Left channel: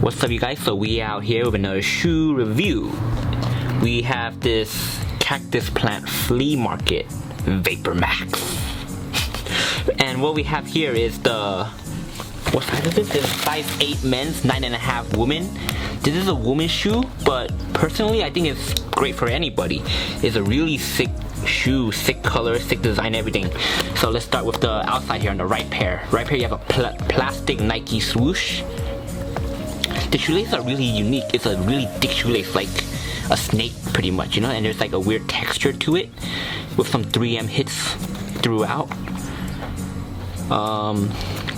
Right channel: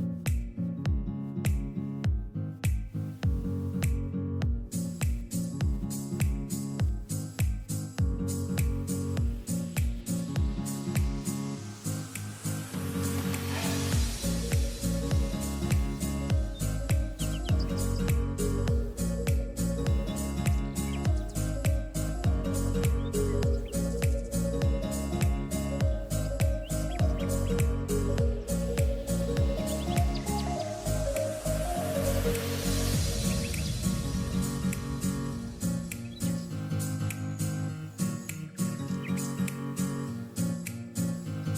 What's up, you guys? So we out here with another shoe review. We have this cactus plant flea market VAPORMAX. And what we have here is the, what size is this? This is size 8 men's, 9.5 women. This is a woman's shoe, but personally I think it's great for anybody. It's a really sick shoe, sick color, sick design, everything. So let's start with the outside here on the right pair. Right pair you have a plastic Nike swoosh. The shoelaces are really unique. It's a really thick shoelace, like a snake pretty much, you know, and there's like a weird texture to it with some 3M hits throughout.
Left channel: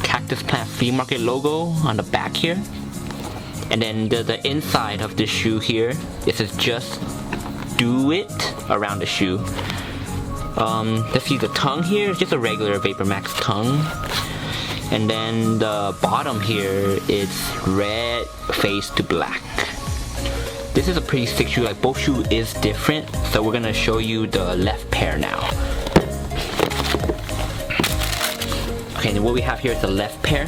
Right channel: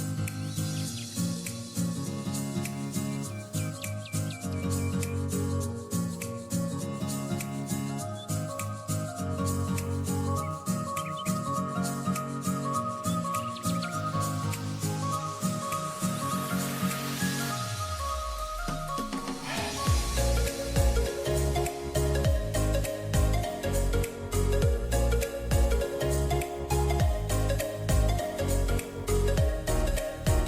Cactus plant flea market logo on the back here. And then the inside of the shoe here, it says just do it around the shoe. Let's see, the tongue here is just a regular VAPORMAX tongue. And then the bottom here is red face to black. This is a pretty sick shoe, like both shoe is different. So we're gonna show you the left pair now. Okay, and what we have here is the left pair.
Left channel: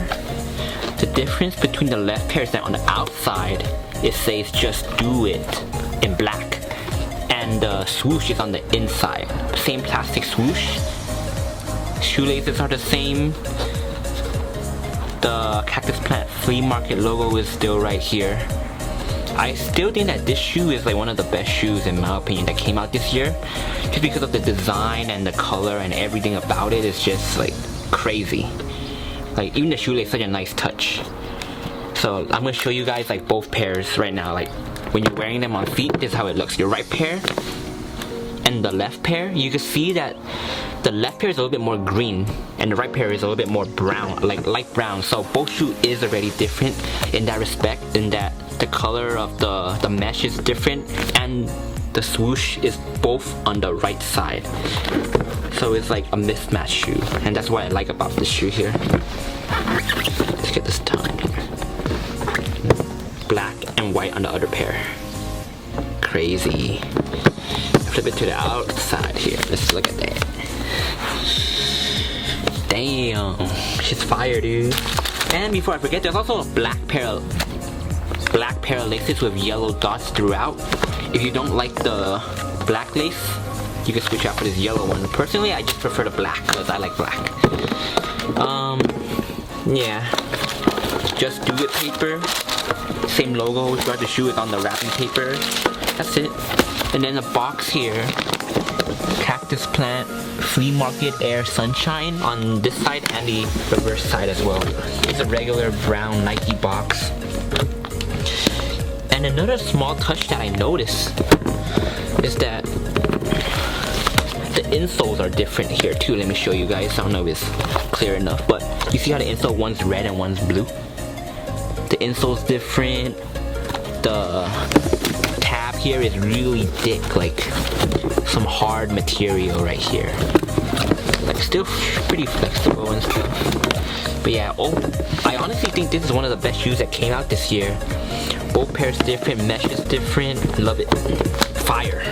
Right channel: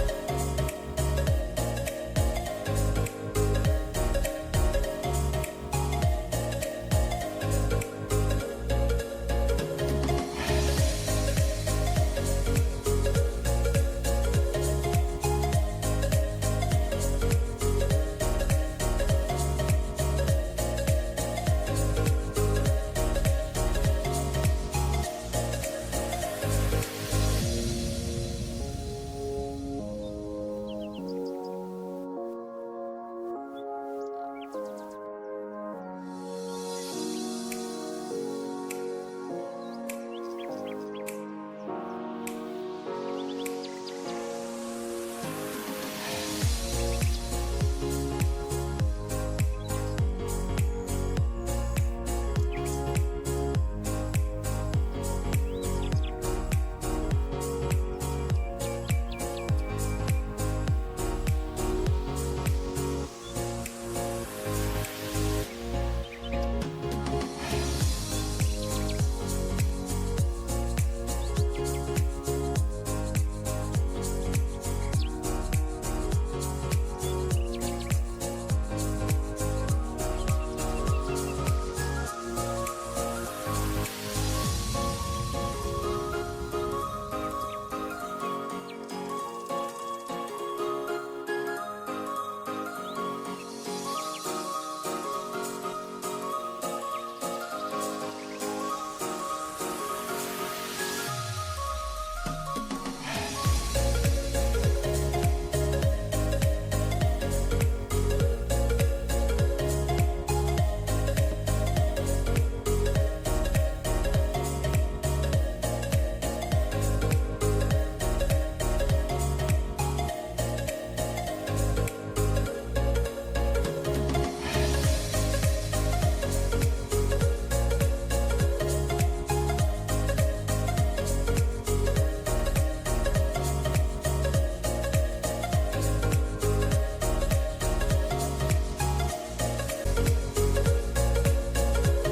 The difference between the left pair is that on the outside, it says just do it in black. And the swoosh is on the inside. Same plastic swoosh. Shoelaces are the same. The cactus plant flea market logo is still right here. I still think that this shoe is like one of the best shoes in my opinion that came out this year. Just because of the design and the color and everything about it is just like crazy. Like even the shoelace is such a nice touch. So I'm gonna show you guys like both pairs right now. Like when you're wearing them on feet, this is how it looks. Your right pair and the left pair, you can see that the left pair is a little bit more green and the right pair is a little bit more brown, like light brown. So both shoe is already different in that respect, in that the color of the mesh is different and the swoosh is both on the right side. So it's like a mismatched shoe, and that's what I like about this shoe here. Let's get this tongue here. Black and white on the other pair. Crazy. Flip it to the outside here. Let's look at that. Damn, she's fire, dude. And before I forget, there's also a black pair of laces with yellow dots throughout. If you don't like the black lace, you can switch out for this yellow one. Personally, I just prefer the black because I like black. Yeah, just do it paper. Same logo throughout the shoe is on the wrapping paper. That's it. And then the box here, cactus plant flea market air sunshine on this side and the reverse side as well. It's a regular brown Nike box. And another small touch that I noticed is that the insoles are different here too. Let me show you guys. I don't know if it's clear enough, but you see how the insole, one's red and one's blue? The insole's different. The tab here is really thick, like some hard material right here. Like still pretty flexible and stuff. But yeah, I honestly think this is one of the best shoes that came out this year. Both pairs different, mesh is different. Love it. Fire.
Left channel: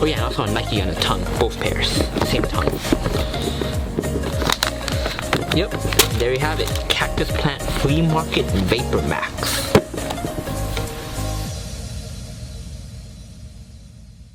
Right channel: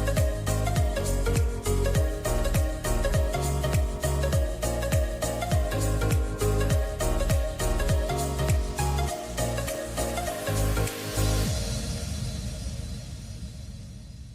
Oh yeah, and also a Nike on the tongue. Both pairs. Same tongue. Yep, there you have it. Cactus plant flea market VAPORMAX.